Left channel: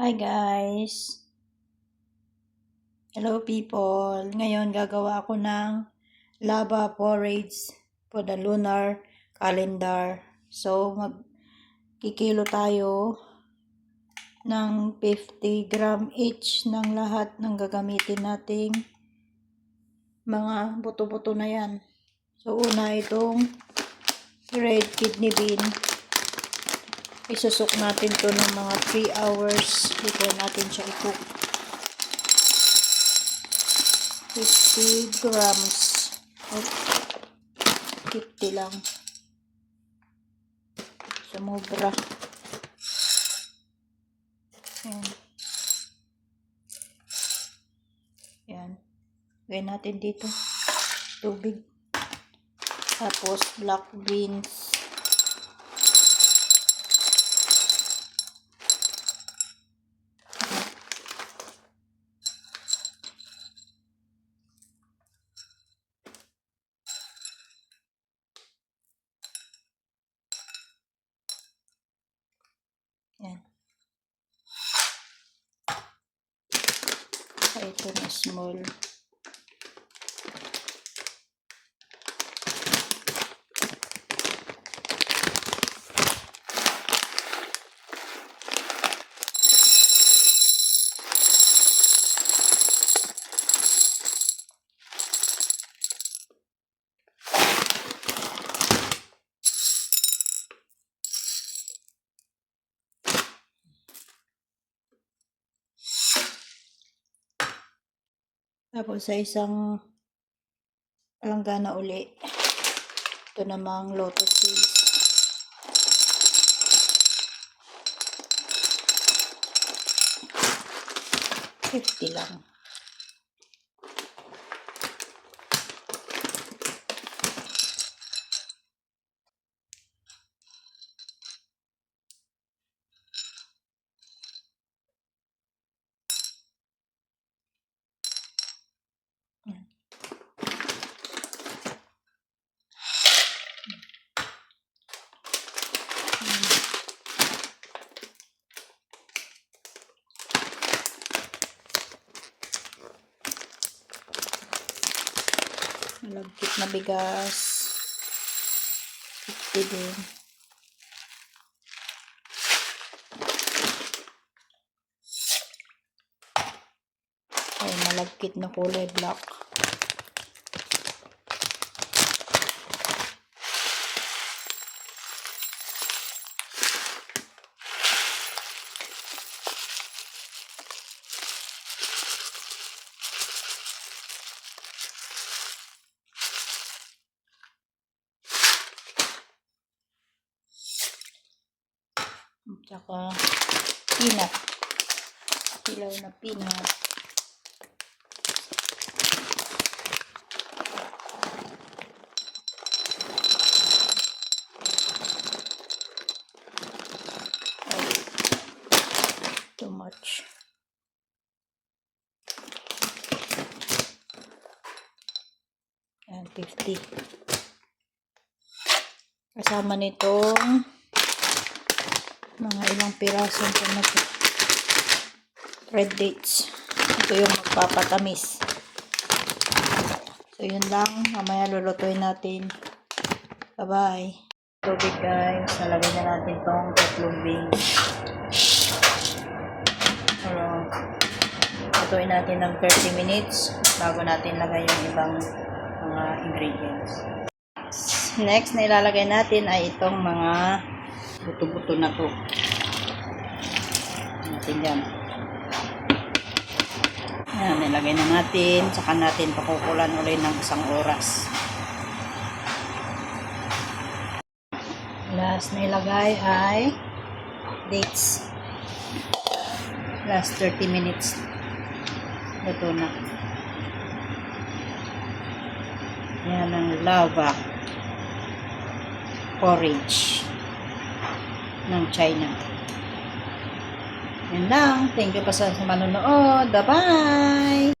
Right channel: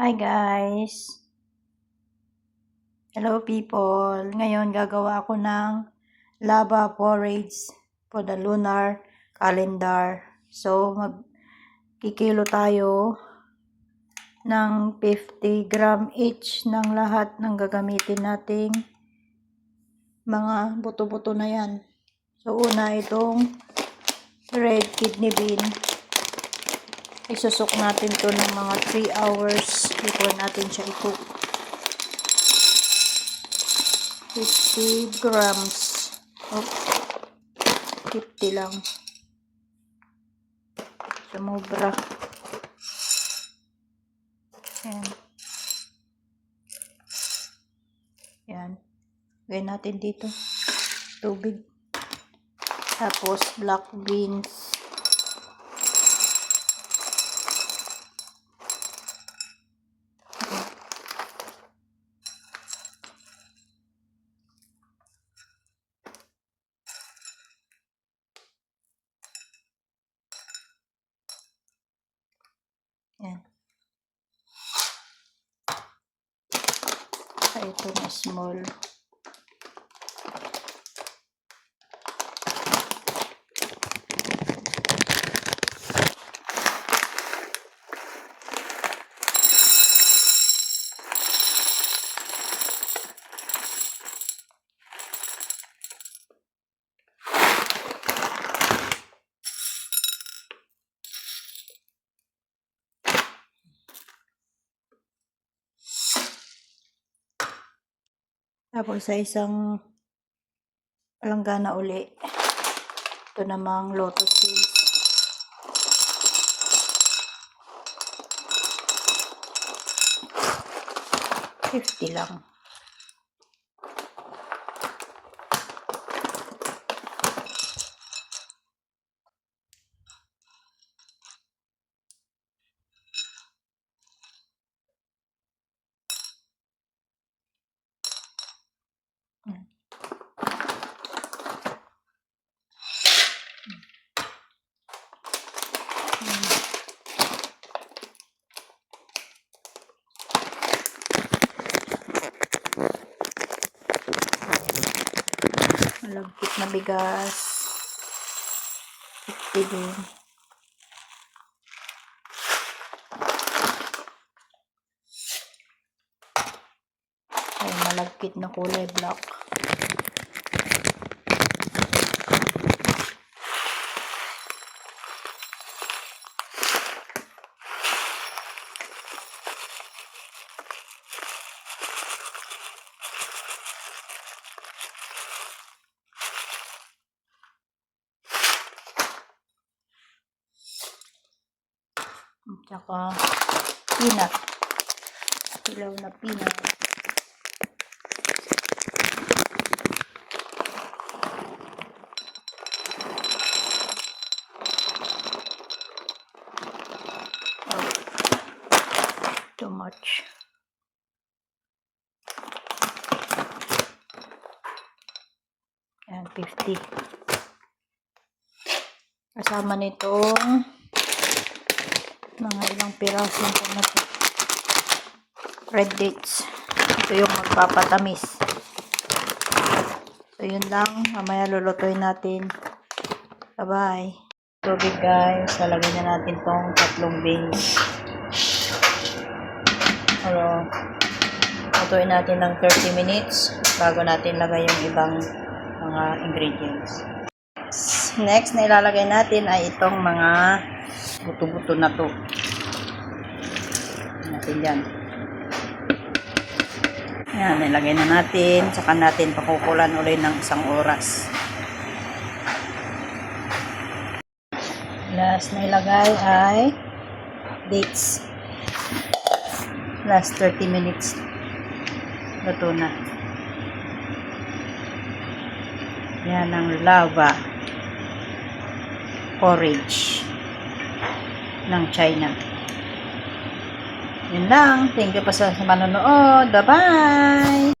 Hi guys! Hello people! Ngayon gagawa ako ng lava porridge for the lunar calendar. So magkikilo tayo ng 50 gram each ng lahat ng gagamitin nating mga buto-buto na yan. So una itong red kidney bean. Isusok natin to ng mga 3 hours before natin siya i-cook. 50 grams. Oh, 50 lang. Sumobra. Ayan. Ayan. Gawin natin dito. Tubig. Tapos black beans. Ayan. Ito na small. Tapos sa isang palanggana uli, ito namang lotus seeds. $50 lang. Malagkit na bigas. 50 din. Ay, malagkit na kulay black. Tsaka peanut. Hilaw na peanut. Oh, too much. Ayan, 50. Kasama nitong mga ilang piraso na po. Red dates. Ito yung magpapatamis. So yun lang. Mamaya lulutuin natin. Bye-bye. Tubig guys. Lalagyan na natin tong 3 beans. Pero lutuin natin ng 30 minutes bago natin lagay yung ibang mga ingredients. Next na ilalagay natin ay itong mga buto-buto na to. Natin dyan. Ayan, nilagay na natin. Saka natin pakukulan ulit ng 1 oras. Last na ilagay ay dates. Last 30 minutes. Luto na. Yan ang lava porridge ng China. Yun lang. Thank you pa sa manonood. Bye-bye!